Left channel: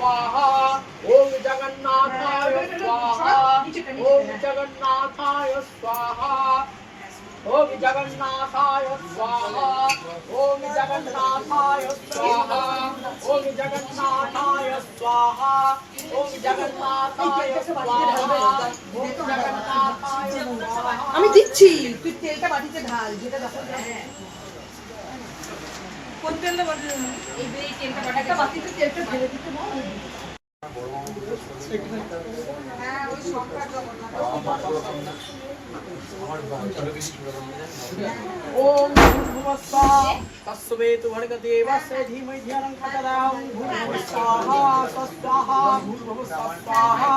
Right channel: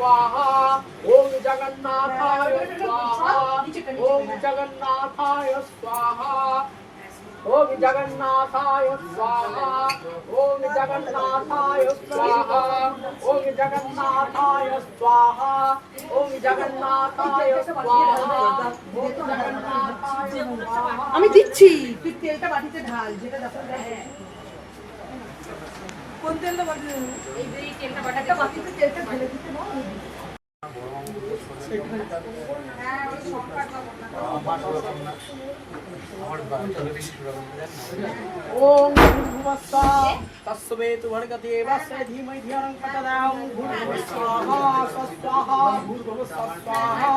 स्वाहा ओम जगन्नाथाय स्वाहा ओम जगन्नाथाय स्वाहा ओम जगन्नाथाय स्वाहा ओम जगन्नाथाय स्वाहा ओम जगन्नाथाय स्वाहा ओम जगन्नाथाय स्वाहा আমি দিচ্ছি তুই তেলটা বাটিতে ঢাল যেটা দেখো কোন তেলটা বাটিতে এই তেলটা বাটিতে একটা বাটিতে তেলটা ঢেলে দিতে না হ্যাঁ ওই সবটা ओम भूर्भुवस्सुः तस्वेतु भर्गदेवस्य धीमहि धियो प्रचोदयात् भूर्भुवस्सुः स्वाहा भूर्भुवस्सुः स्वाहा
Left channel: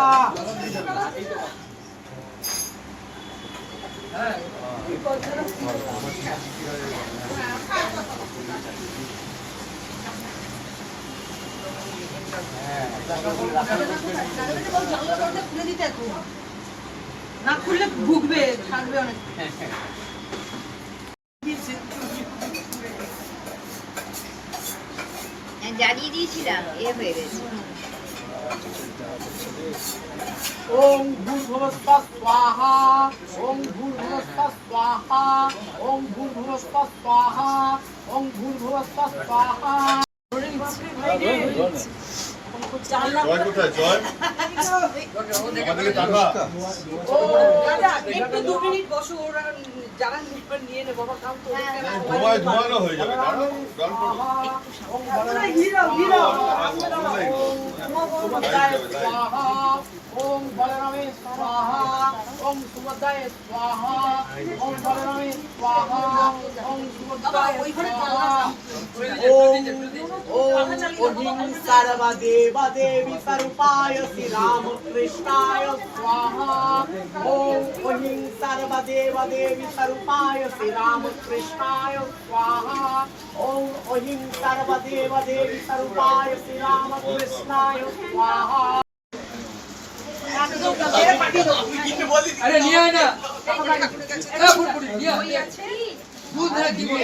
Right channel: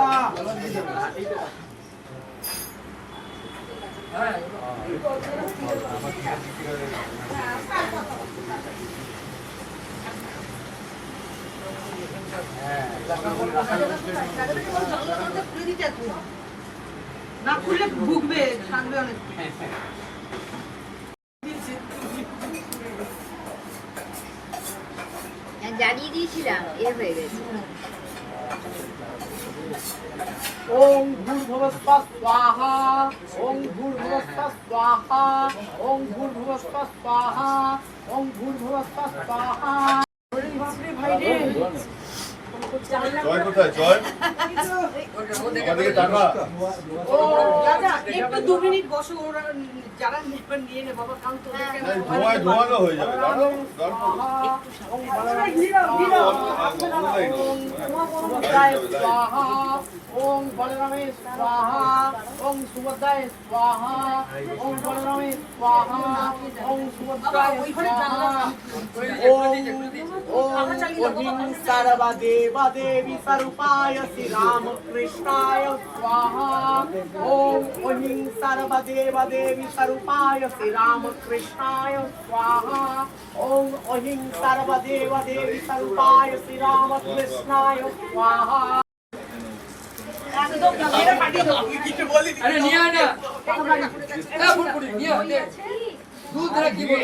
খুলে দিতে না খুললে ভুগবে থাকবে অনেক জানিয়ে দিয়েছিলাম এ হয়ে গেছে ओम भूर्भुवस्सुः स्वाहा ओम भूर्भुवस्सुः स्वाहा ओम भूर्भुवस्सुः स्वाहा ओम भूर्भुवस्सुः स्वाहा भाई रे জয় কোথায় জয় আমাদেরকে টাকা ও দাদা একটু 2 মিনিট বসো ওরা যারা নিবেন নিয়ে নে বাবা কাম তো ধোঁয়ায় ধোঁয়ানো হয়ে যাবে দাঁড়াও জল পড়ো ओम बलरामे स्वाहा ओम सुभद्राय स्वाहा ओम बलरामे स्वाहा ओम सुभद्राय स्वाहा ओम ओम सर्वदेवा देवी स्वरूपाय श्री राम कृष्णाय स्वाहा ओम ओम सर्वदेवा देवी स्वरूपाय श्री राम कृष्णाय स्वाहा ओम ओम सर्वदेवा देवी स्वरूपाय श्री राम कृष्णाय स्वाहा अरे नहीं आना क्या बोल बोल दिया दूध जरा की बोल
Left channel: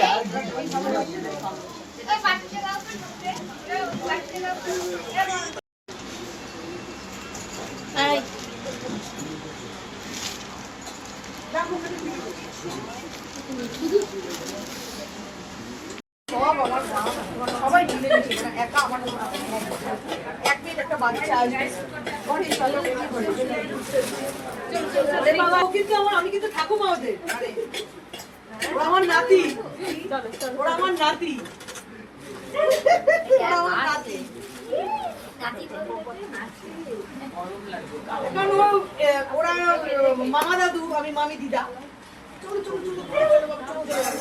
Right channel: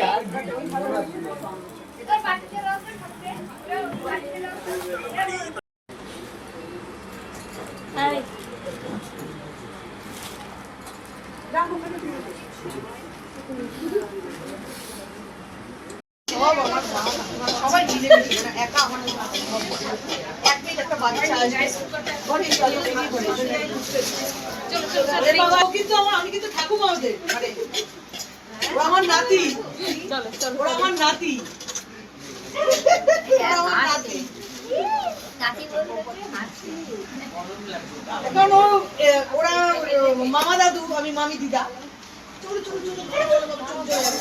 আরে সবাই মিলে মিশে না একা আমার এক মিনিট একটা বাচ্চা আসবে বড় চলো রেডি করে চল বাবা কিন্তু আমি কিন্তু ঠাকুমা ওদের আরে ওরা আমার নাতি ওরা আমার নাতি ওরা আমার নাতি এখন ওরা মামা দাদু আমি মামি দিদা চলো চলো চলো চলো চলো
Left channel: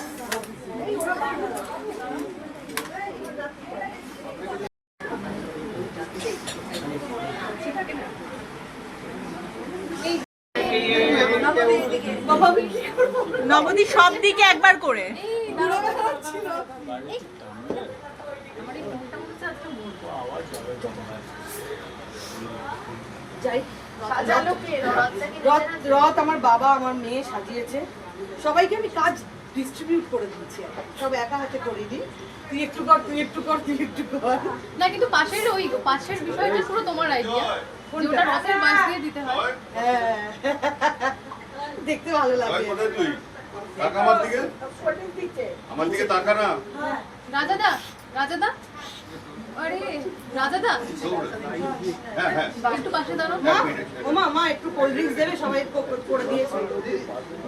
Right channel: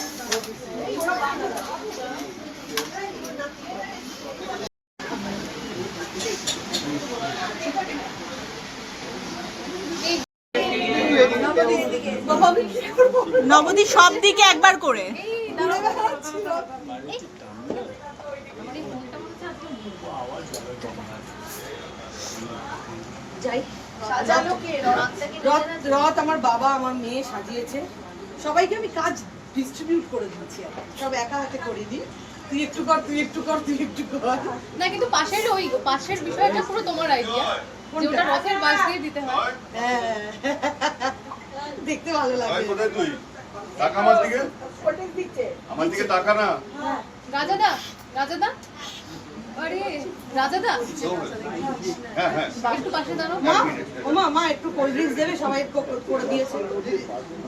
নবদী সব দিকে একবার করে রথ আমার বাবা আমার মেয়ে সাজিয়েছে সবাইকে আমি কাজ ডিস্ট্রিবিউট করে দিচ্ছি সব একা হাতে করে দিই তুই একটু কর তুই একটু কর তুই একটু কর না কিন্তু পাশের বিষয়টা পুরো তোমার আইডিয়া যেটা রথের বাস দিয়ে দিতে হয় দেখতে ভালো লাগে কোথায় তুই টাকা আমার দিকে আমার দিকে টাকা না রাজাদা আরে রাজাদা হ্যাঁ হ্যাঁ একটু পাশে দাঁড়াও মা একটু কোল্ড ড্রিঙ্কস দেবে সবাই করে দিয়েছে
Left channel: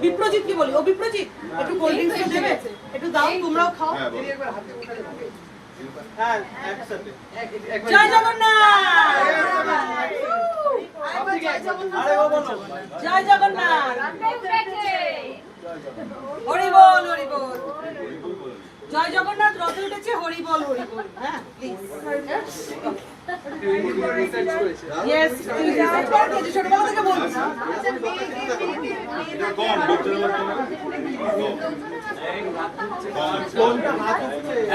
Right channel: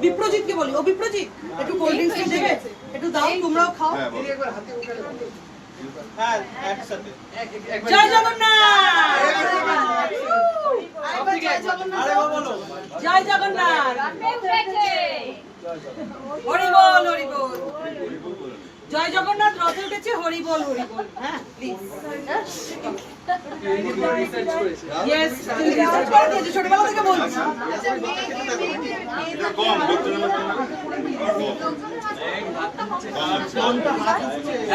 বিপ্রজিৎকে বলি ও বিপ্রজিৎ একটু কোল্ড ড্রিঙ্কস দেবে একটু দাও তোমরাও খাও হ্যাঁ একসাথে জয় জগন্নাথ জয় জগন্নাথ হরি বল হরি বল জয় জগন্নাথ রথে উঠেছে হরি বল হ্যাঁ প্লিজ ইয়েস তুই রিসার্চ করে দিয়েছিস ছোটবেলা থেকে বলছিস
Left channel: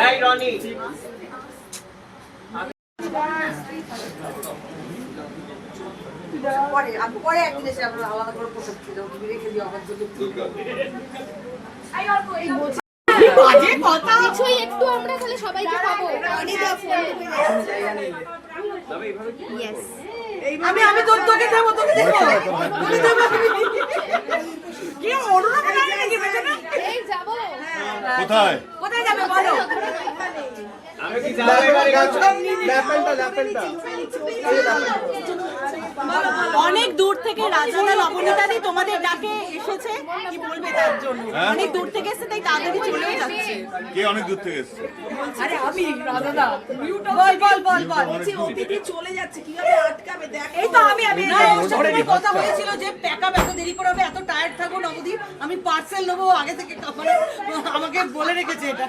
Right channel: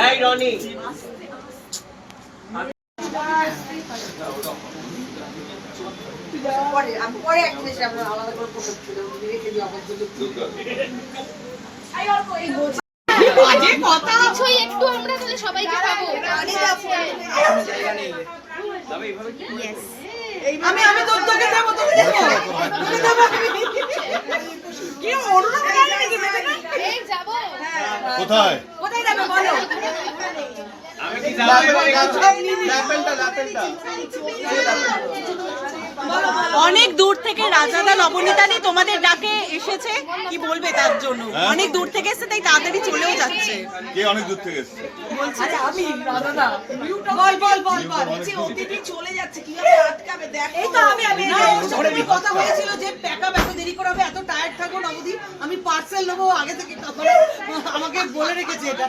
এই রনি পরে এক জিনিস আমরা আলাদা করে প্রসব ছিল রেখে দিই আমার জন্য বাজে কথা কিছুই একটু আমরা তাহলে সবাইকে খাবো ইয়েস আমি তোকে দেবো তোকে দেবো কি অরুণা বলে নাকি বেটা না এই যাবো কোথায়? কোথায় যাবে বলো অনেক দূর থেকে রাজাদা নবনীতাদি তোমাদের ডাকে এসেছে, কি বলবে তার জন্য? অনেক দূর থেকে এসেছে তাই তাড়াতাড়ি চলেও যাচ্ছে। কে অনেক দূর থেকে এসছে? আরে আমি রাজাদা বল অতিথি চলে যাচ্ছে কিভাবে আটকাবে দেখ। এই তো আমি না ওর সাথে আমার কথা হয়েছিল যে প্যাকআপ এত দেরি করে হবে, এত টায়ার্ড থাকো নবদ্বীপ, আমি পার্সেল নেবো আগে থেকে আমাকে বলে রেখেছে এটা,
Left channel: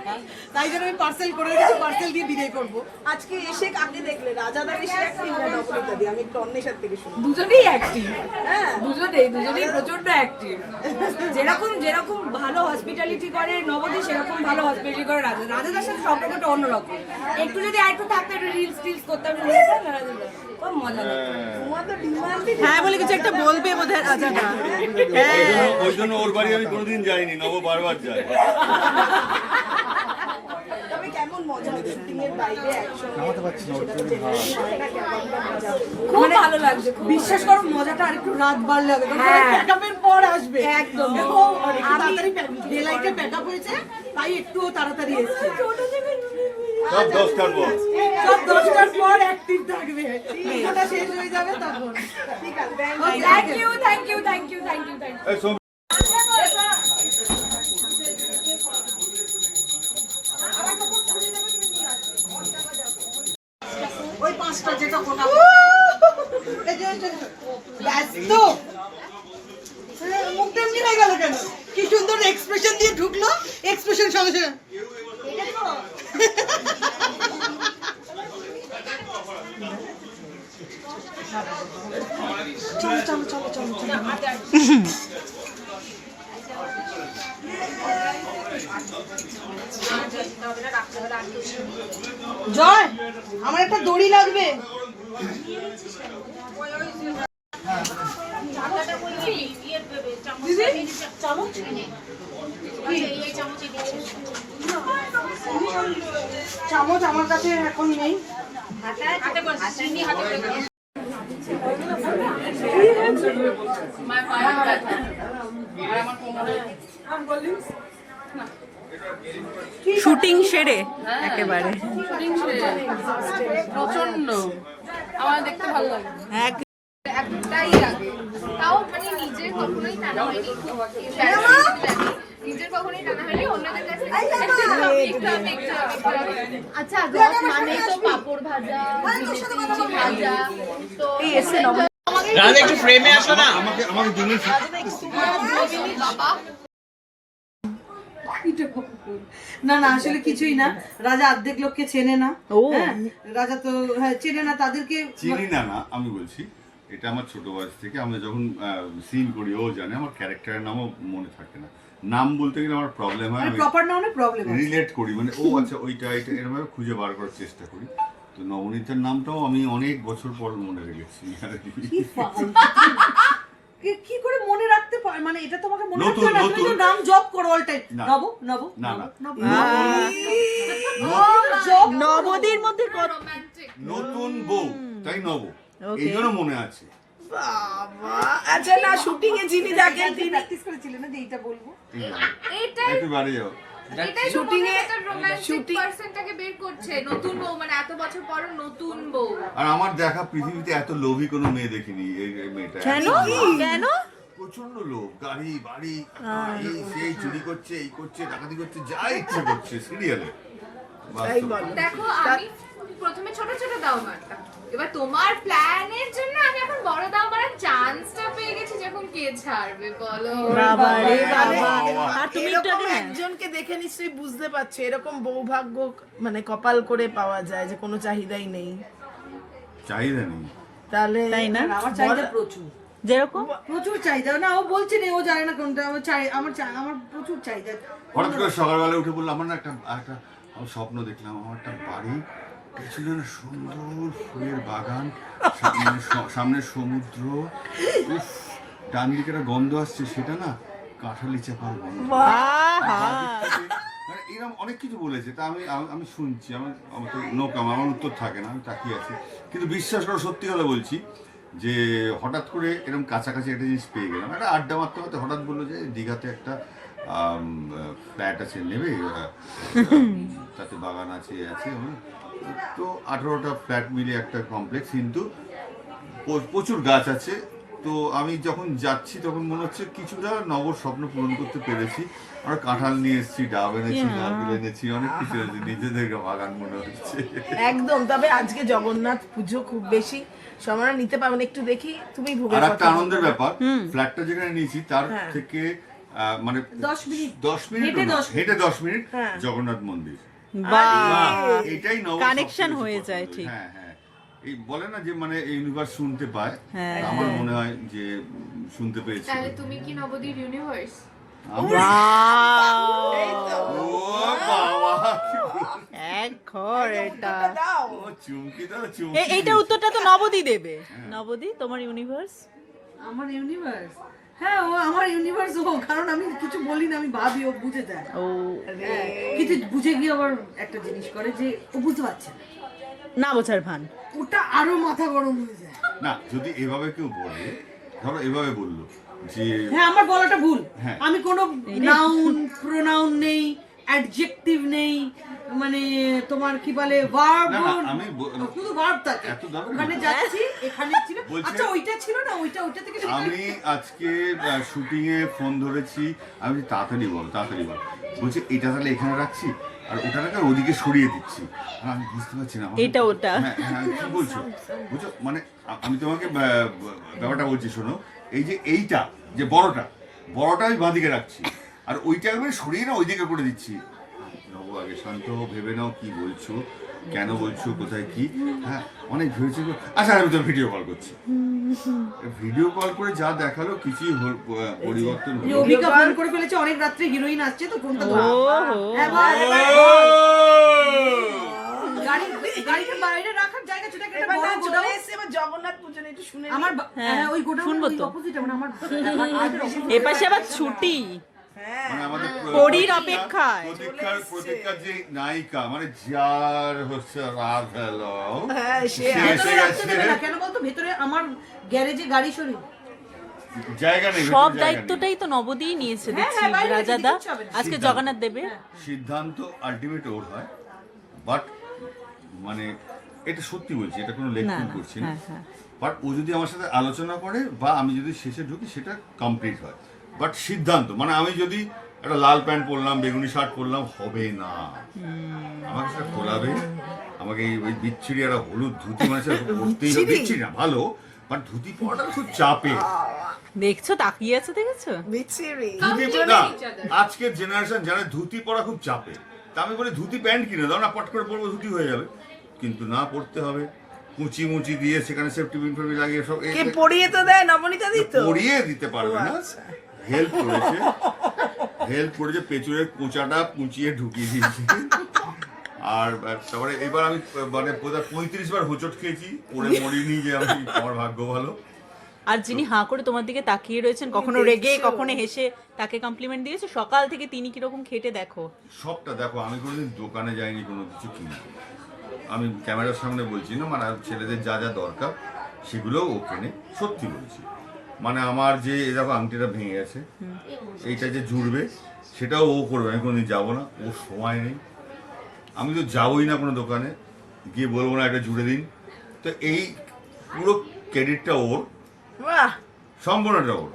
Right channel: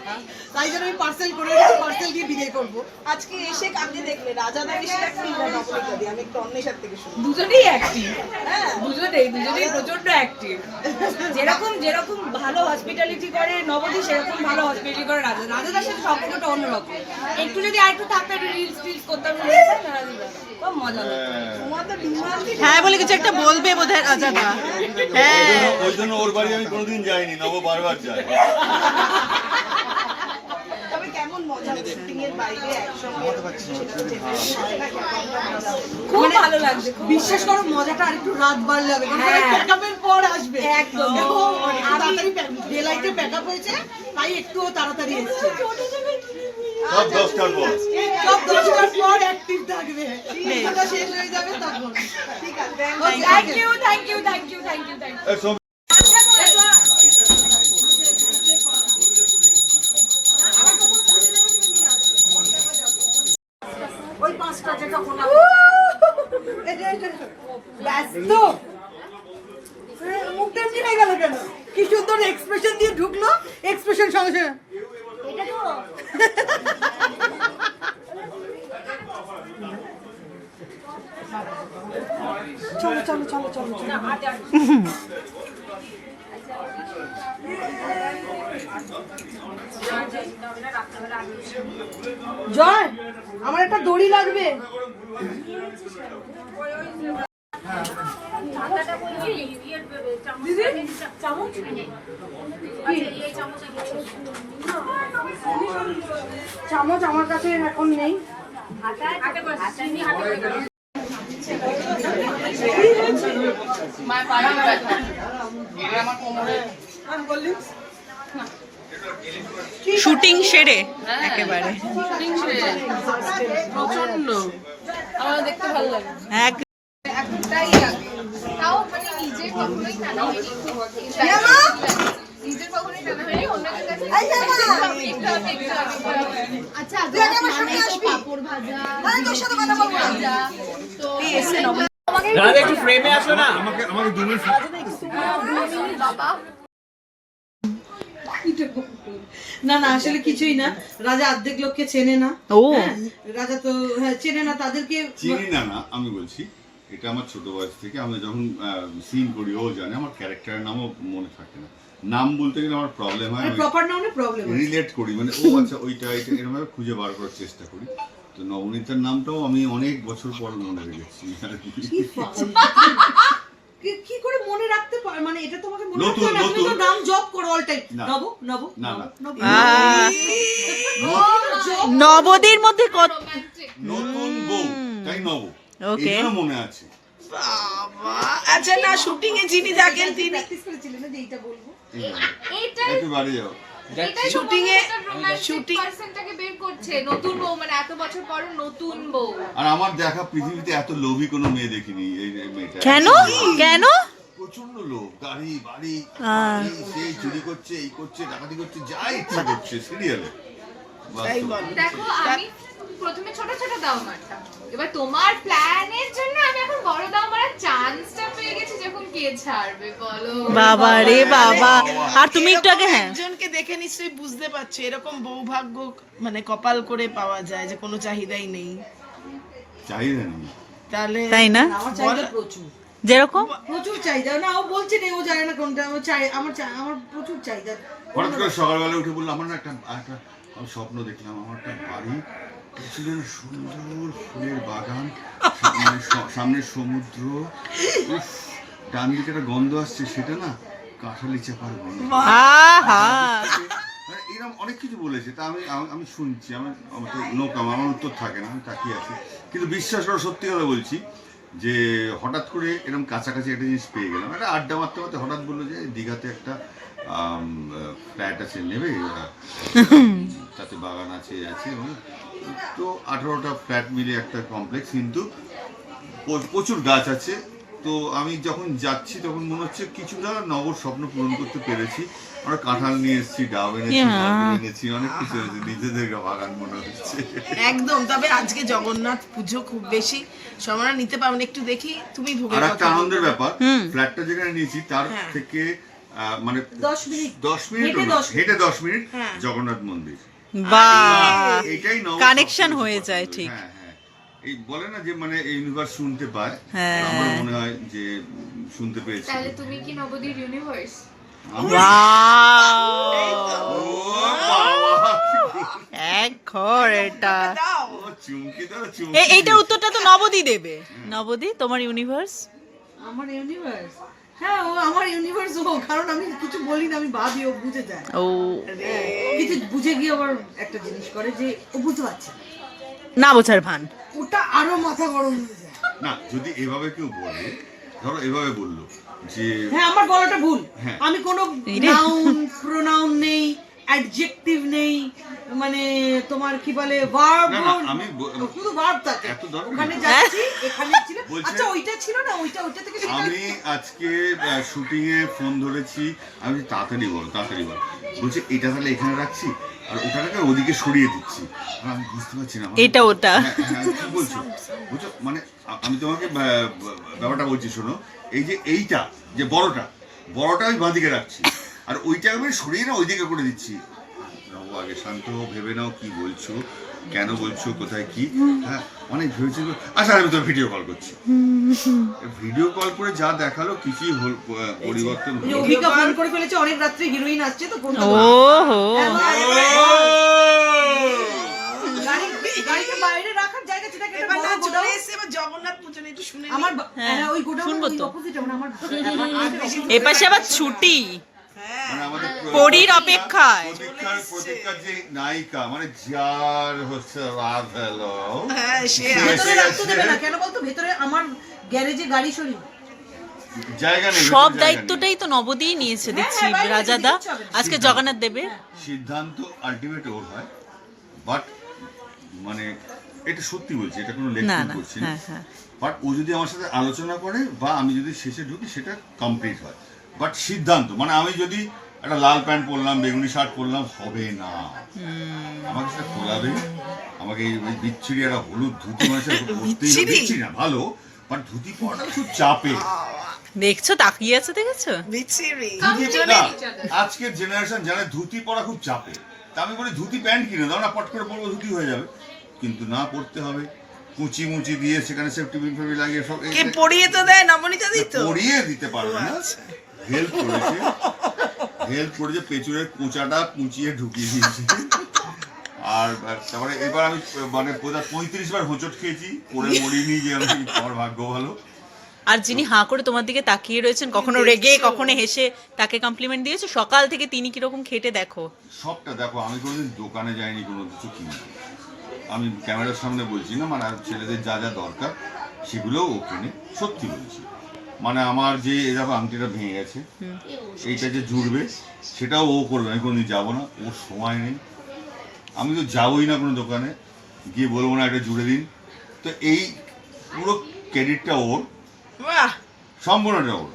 তাই জন্য আমি পার্সেল করে রেখেছি, পার্সেল দিয়ে বিদায় করবো। আজকে এসে কাকে দেখলে? রাজাদা বেশি অ্যাক্টিভ না নবনীতাদি? আমি একটু অন্বেষার থেকে শুনি। দুজনেই অ্যাক্টিভ, দুজনেই প্রচন্ড অ্যাক্টিভ। যেরকম ভালো হসপিটালিটি করে নবদ্বীপ, সেরকম ভালো হসপিটালিটি করে রাজাদার সাথে সম্পর্কটা অন্যরকম। একটু যদি আরেকটু থাকতো, একটু রিলস করতাম, খুব মজা লাগতো। হ্যাঁ বলে কিছু একটা বলবে বোধহয় রাজাদা। হ্যাঁ ওই জন্য ওর বাড়ি আমি কোনোদিন যাইনি, নব বারবার যায়। তবে কেমন মজা শুটিং এর বাইরে একসঙ্গে খুব ভালো লাগছে, বিশ্বাস করো মজাটা আরেকটু রাত বাড়লে হবে, প্যাকআপের পর আসবে একদম। তাড়াতাড়ি ডেলাইটে প্যাকআপ হয়েছে, তাই একটু তাড়াতাড়ি এসেছে। সব 10টার পর। সব 10টার পর অ্যাক্টিভ থাকবে, এটা শেষ হয়ে যাবে তখন। ঠিক আছে, থ্যাংক ইউ। এই সব ওই 5টা যেটা কোনা ব্যস্ত মুখটা এমনি হয়ে গেল কেন? কি সুন্দর এক্সপ্রেশন দিয়ে ঢুকলো, এক্সপ্রেশন সঙ্গে জয়, আমার একটা দড়ি লাগবে। চামচ আমার কাছে এখন নেই। শুটিং সেরে একেবারে প্রচন্ড আমার দেখতে ভালো লাগে। একটাই লাগে, তাও মানে নিজের কখনোই টানা হয়নি, নিজের কখনোই টানা হয়নি, অন্যদের কাছে আচ্ছা মানে তো পাপড় ভাজা ভাজা তো একটু ফ্রেমে আসো না। আমাকে দিনের বাবা না আসলে কিছুই না, রাজা অর্ধেক লোককে চেনে না। ও রাজা তো চেনে না তাদেরকে। চিনি না, আমি বলছি এটা আমার ছোট বয়স থেকে আমরা যখন সিন করি ও জানে, আমার ক্যারেক্টারের নামও মনে থাকে না, নাম বলতে গেলে আমার প্রবলেম হয়, প্রপার নামে প্রবলেম রিলেট করি, মানে ও আচ্ছা ওইটা এটা এরকম ভাবে খুঁজে বার করার চেষ্টা করি। তো নবনীতার নামটাও আমি অনেক বছর পর মনে রেখেছি। কি করে মনে রাখতে পারে? মানে এটা তোমাকে মনে রাখতে হয় না, তুমি তো নাম জপ করো অল টাইম। নব না নবদীর মধ্যে কত নতুন বউ, তাই নব, এইজন্য মনে আছে। আচ্ছা না শুটিং এ যিনি থাকেন তিনি প্র্যাকটিস করেছিলেন না যে এইটা বলবো। একটু বাড়ি যাও। শুটিং এ শুটিং পার্সেন্টটাকে বের করছে, নতুন বউ মানে এত বছর পর নতুন বউ। আর আমার দেখা পৃথিবীতে এত লোভী কোনো মেয়ে দেখিনি এই মেয়েটা। কেন প্রচন্ড লোভ, গাড়ি বাড়ি সেই চুরি করছে, এই করছে, ডাকাতি করছে, যা ইচ্ছা করছে সিরিয়ালে। দেখো আমি প্রথমে ছোট ছোট দাও মারতাম, এবার তোমার প্ল্যানের জন্য আমি এখন বড় দাও মারার চান্সটা পেয়ে গেছি, যখন কে ছাড়বে বলো। বাবা রে বাবা, আর তুমি একটু আগে হ্যাঁ একজনকে দেখে নিশ্চয়ই বুঝতে পারছো এরকম বৌভাগ্য মানে কপাল করে পাওয়া যায় যে কোনো চাহিদাই নেই, চাহিদা নেই তাহলে তাই না? আমার চাহিদা প্রচুর, যেরকম প্রচুর চাহিদা। না ও বলছে না, ও জানে না কোনটা আমার প্রচুর চাহিদা। হঠাৎ করে সকালবেলা উঠে বললাম আমার না একটা আমি স্বপ্ন দেখলাম, আমার একটা বাড়ি ছিল, সুন্দর ফুলের বাগান, সামনে সমুদ্র, ডান দিকে একটা গন্ধ আসছে, সেটা না কাঁঠালি চাপার গন্ধ। আহা এরকম এরকম অনেক কিছু বলেছে, তা আমি শুনছি, আমার তো আমার উত্তর থাকে না, আমি তাকিয়ে আছি। কিন্তু বিশ্বাস করো, সত্যি কথা বলছি, যে হঠাৎ করে এরকম কাছাকাছি একটা জিনিস পেয়ে গেলাম। একটা আড্ডা মারতে মারতে হঠাৎ বললো যে দীঘাতে একটা ফ্ল্যাট আছে, নেবে? তাতে বাগান আছে। তো 18টা ফ্ল্যাট মিলে একটা কমপ্লেক্স, কিন্তু প্রচুর গাছ আছে। তো আমি যখন যাচ্ছি তখন মনে হচ্ছে কিছুটা নগর স্বপ্ন পূরণ করতে পেরেছি। আমরা কাঁঠাল নিয়ে এসেছি, ডাব এনেছি, অনেক কিছু এনেছি, নিজেদের বাগান মনে হচ্ছে একদম। তবে আজকে জগন্নাথ পুজো খুব বেশি সময় নিতে পারবেন, একটু দেখি তুমি ভোগের আর কথা একটা আনন্দের ব্যাপার, ফ্ল্যাটটা যেখানে নিয়েছি তার থেকে মানে 10 মিনিট হেঁটে 10 মিনিট জগন্নাথ মন্দির। বাহ, এটাই কানেকশন হয়ে যায়। ঠিক, হ্যাঁ, এই বলে না যে মানে ইউনিভার্স শুনতে পায়, হ্যাঁ। আমার মনে হয় যে শুনতে পেয়েছি। তাহলে তুমি কি নবদ্বীপ ইউনিভার্স? ও বাবা, এক ঘর এটা। চুমকি দাও, এইটা উত্তরটা তো নবদী দেবে। নবদী, তোমার ইউনিভার্স? আমার ইউনিভার্স, হ্যাঁ ও আমার ইউনিভার্স ও, কারণ আমি কিছু বলি না, আমি ভাবি ও বুঝে যায়। ও কিন্তু বুঝে গিয়ে আবার একটা জিনিস করে যে ও বুঝতে পারছে না, না বোঝার ভান। ওটা আরো মাথা গরম হয়ে যায়। না, যদি এভাবে কেউ বলে, ধরো এভাবে বললো যে হ্যাঁ আমার বলাটা ভুল, হ্যাঁ। আমি কোনো নাউন প্রোনাউন নেই, অ্যাডজেক্টিভ নেই, মানে তোমার কি বলে ভার্ব, না, আমি শুধু ভার্ব থাকে। এত দরকার ওখানে নেই। যাচ্ছি, এখানে ছিল, বলছে- আচ্ছা ওইটা ছিল না, ওইটা থেকে সেটা। আমি আজকে শুটিং এ ফোন ধরেছি, আমি বলছি, তাড়াতাড়ি বল। বলছে এটা তাহলে এখানে রাখছি, আর ওটাকে ওদিকে সরিয়ে দিচ্ছি। আর আমি বুঝতে পারছি না এটা ওটা। হ্যাঁ, কি বলছো? মানে আমি তোমাকে ব্যাপারটা বলছি, শোনো, এই যে এইটা যে বড়টা আমি বাঁদিকে রাখছি, আর ওইটা আমি সরিয়ে না ওইদিকে করে দিচ্ছি। বাবু, আগে শান্ত ভেবে নাও কি বলছো, কেন বলছো, কোথায় কি। হ্যাঁ, অনেক ভেবেছি। আচ্ছা, আমি তোর ভিডিও কল করছি। ভিডিও কল করে যা দেখালো কিছুই পরিবর্তন হলো না। অভিকা ফোন করে ফেলেছে, অনেক রাত্রে হিরোইন আসছে তো ফোনটা ও হো, গাড়িটা বাইরে রাখার জায়গা ছিল, একটা বড় গোডাউন। এবার জগন্নাথ পুজো নিয়ে একটু শুনে আমার হ্যাঁ, ওই গোডাউন শুনবো তো। অপোজিট, মানে আমার এপাশে আবার ছুটি, মানে আমাদের পরীর অপেক্ষায়। প্রতীক্ষার যে নায়িকা, মানে যার হচ্ছে রাত হলো, হ্যাঁ, সে ভেতরে রাখতে দেবে না কেন বলতো? ভেতরে আমার গ্যারেজে গাড়ি সরি, জায়গা নেই, সব জায়গা দায়িত্বটাই তো নবদী নিয়েছে দেখছি। হ্যাঁ, বাইরে রাজাদা কিচ্ছু হবে না। আজকে জগন্নাথ দেবে। নেই। সিদ্ধান্ত আলটিমেট ওর হয়, বাট মানে এটা সত্যি বলছি, এটা কোনো না লেকচার না, করছি না। হ্যাঁ। বাট ও যদি আমার সাথে আলোচনা করে বা আমি যদি শেষে ঢুকি, সেটা কমপ্লিট হয়। বাট সিদ্ধান্ত মানে আমি যদি একটা লাল প্যান্ট পরলাম, বেগুনি শার্ট পরলাম, হবে না। আমাকে সেটা খোলাবে, আমাকে ওই বিচ্ছিরি একটা হলুদ ধুতি, মানে সেটা পরতেই হবে। বিচ্ছিরি না, ভালো, বাট ধুতি পরাটা খুব চাপে। দেখছো, তাকিয়ে আছে, দেখেছো? বিচ্ছিরি। আজকের জেনারেশন জানে ধুতি পরা খুব চাপে। তা আমি বলি ধুতি প্যান্ট কিনে দাও না, পট করে পরবো, ধুতি হয়ে যাবে। কিন্তু না, পড়তে হবে, কুচি মুচি দিয়ে সেখানে সেফটি পিন ফেবি লাগিয়ে সব কে পড়িয়ে তো দেয়, নবনীতা দিত। পরিয়ে দিতে পারবে না, হেল্প করেছে, পেছনের কোঁচাটা কুচিয়ে ঢুকিয়ে দিয়েছে। আর তারপরে এবার আমি মানে 35 বার হোঁচট খেয়েছি, পরে মরিনি যে আমার ভাগ্য ভালো। আর যিনি হাঁ করে তোমার দিকে তাকিয়ে রয়েছেন, কখনো রেগে কখনো হেসে, তাকে কমপ্লিমেন্ট দিয়েছো। সকাল থেকে তিনি কিরকম খেটে দেখো। সবটা দেখো, আমি কোনোদিন দোকানে যাইনি কোনো কিছু কিনতে। আমি ক্যামেরার সামনে বলছি না, মানে আর ছেলেদের যা যা দরকার সেগুলোও ও কেনে, সত্যি বলছি। মানে আমার যে এরকম আংটিটা ভেঙে গেছে, এইটা যে জুড়বে সেটাও ও করবে, আমি কোনোদিন যাবো না, ওর সময় নেই। আমি তো যাবোই না কোনো দোকানে, গিয়ে বলবো না এটা জুড়ে দিন। তো এই পুরো ক্রেডিটটা ওর, বাহ, সম্পূর্ণটা ওর।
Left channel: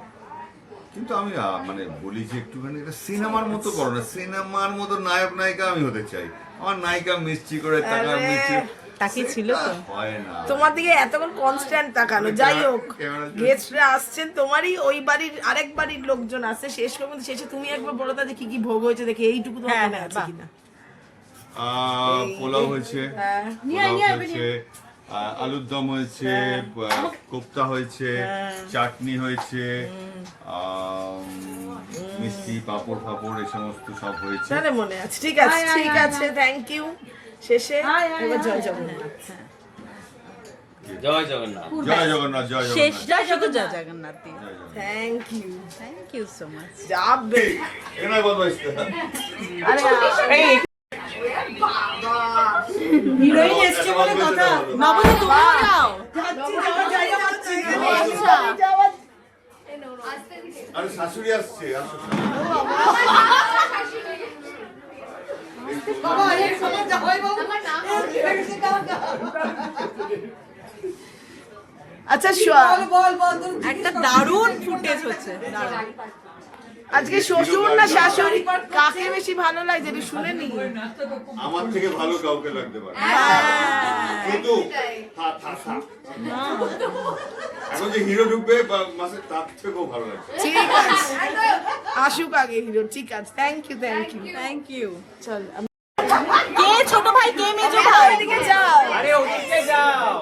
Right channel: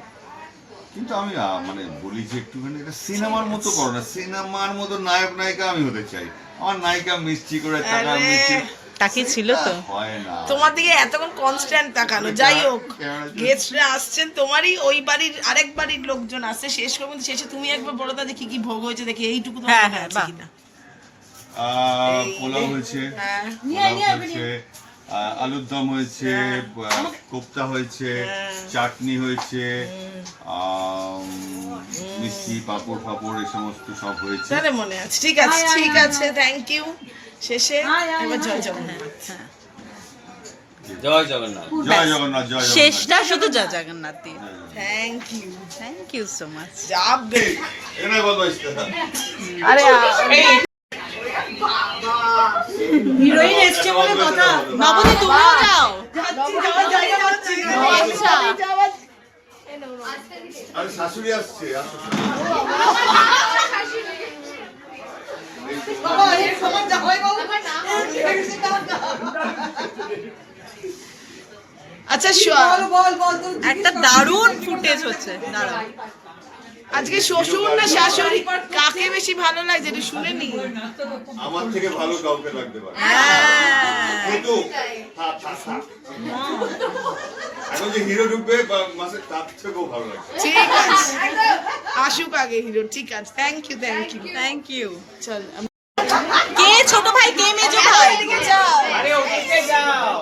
কিন্তু আমি মানে বলি যে একটুখানি এটা সিনেমার মতো করো না, সিনেমার মতো নায়ক নায়িকা আমি হতে চাই। আমার নায়িকা মিষ্টি করে তাকার, মিষ্টি তাকিয়ে ছিল তো। হয় না। তোমার দিকে এতক্ষণ কনস্ট্যান্ট তাকালো। যাই হোক, গেস্টরা আসছেন তোমারই, ওই বাড়ির আরেক বাড়ির লোকজন আসছে। শেষ পর্যন্ত শেষে তুমি একবার বলে দাও যে কি কি ভোগ হয়েছে, দেখি এইটুকু তোমার হ্যাঁ, মনে হ্যাঁ, আছে বাহ। কিনা। পোলাও হয়েছে, আলুর দম হয়েছে, কোপ্তা হয়েছে, চাটনি হয়েছে, মিষ্টি, পাঁপড় ফাপড়, এই সমস্ত সব হয়েছে। তাহলে মনে আছে, ঠিক আছে, ঠিক আছে, থ্যাংক ইউ। শেষে এবার জয় জগন্নাথ। জয় জগন্নাথ। জয় জগন্নাথ, জয় জগন্নাথ। শেষটা শুধু জয় জগন্নাথ দিয়ে। Thank you so much. চাপ দে এখানে বদমাইশ না। হিরোইন এসছে বলে কথা। নবদী তুমিও যাও। আচ্ছা আরে শাশুড়ি আসছে, আসো। আচ্ছা একটা দারুণ ফুটেজ হচ্ছে, দাঁড়াও। আজকে শ্বশুর না শাশুড়ি কাকে বেশি ভালো লাগছে এটা শুনে নি। আমার থেকে ভালো কাউকে লাগতে পারে, হ্যাঁ। কিন্তু এখন যে হিরো ঢুকবে মাসে তার থেকেও ভালো লাগছে। ঠিক আছে আসুক আগে হিরো, ঠিক আছে। Thank you thank you. চল কে ছোট ভাই, কে মেজো ভাই? আরে ওদিকে যাও।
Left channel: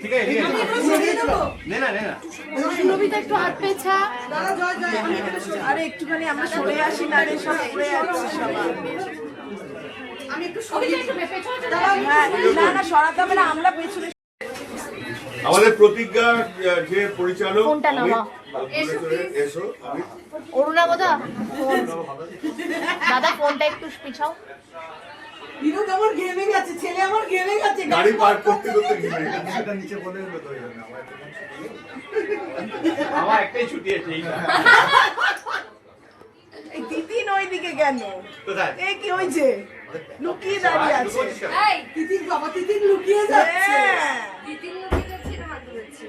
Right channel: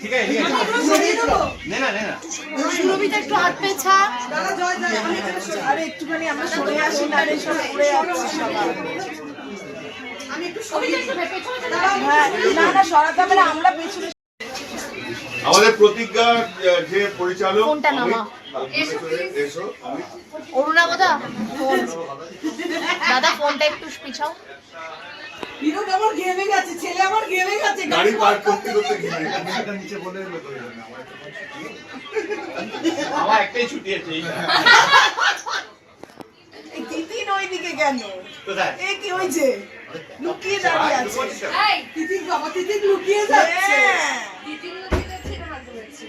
ঠিক আছে, ঠিক আছে। নে না, নে না। আরে একটুখানি আমরা সরে আসি না রে, সব পড়ে যাচ্ছে সবাই। না না সরাতে হবে না, আমরা পেছনে। আমাদের প্রতিজ্ঞা যে পরিচালক ফোনটা নামা। এসো আমি অরুণাবদা ফোন দাদা ফোনটা একটু পিছাও। হিরো আমার গেমে গেছে, ছেলে আমার গেমে গেছে। গাড়ি পার্ক করতে করতে ঘিরে আমার একটাই ছুটি আছে এই। এই তিতিন ওইদিকে কেন? কোথায়? এ কি হয়েছে? লুকিয়ে দাঁড়িয়ে আছে। এই তিতিন বাবা, তিতিন লুকিয়ে যাচ্ছে। তিতিন লুকিয়ে যাচ্ছে না হাত ধরেছে।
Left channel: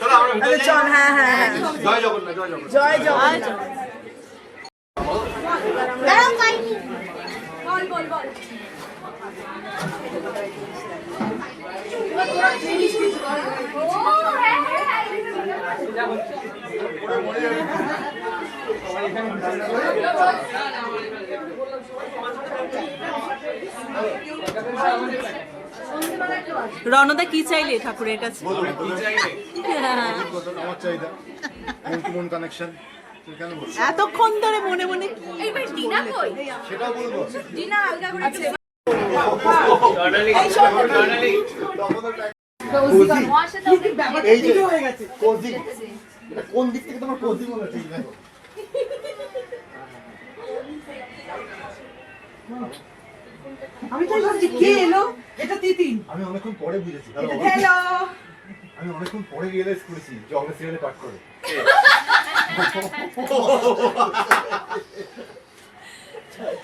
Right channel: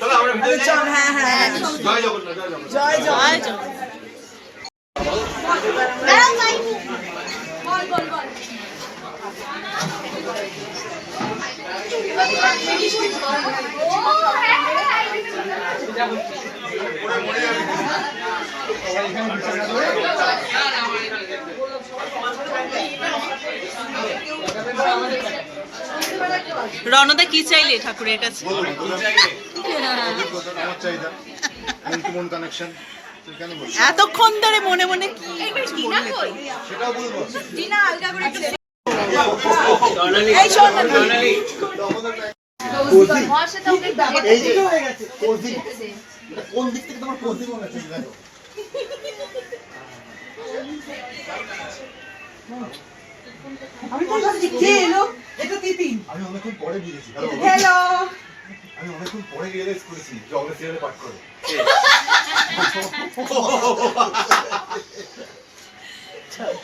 চলো আমরা ভিতরে যাই। চল, হ্যাঁ হ্যাঁ হ্যাঁ। জয় জগন্নাথ, জয় জগন্নাথ। জয় জয় জয়। বল বল বল। ও হ্যাঁ রণদা কি চাইলে ঠাকুরের কাছে? আমার চাহিদা মন কানেকশন এতক্ষণ ধরে মনে মনে কি বললে তো? সেটাও বলবো। এই শোন না, মশে তো এই যে কোজি কোন দিক থেকে তোমার কোজি মনে হচ্ছে দেখো। আমি তো ভাবছি কে এলো? এটা তিতিন। আমি অনেকক্ষণ পরে বুঝেছি, হ্যালো। আমি অনেকক্ষণ পরে রিয়েলাইজ করেছি যে আমরা সিরিয়ালে পাঠ করে। চল।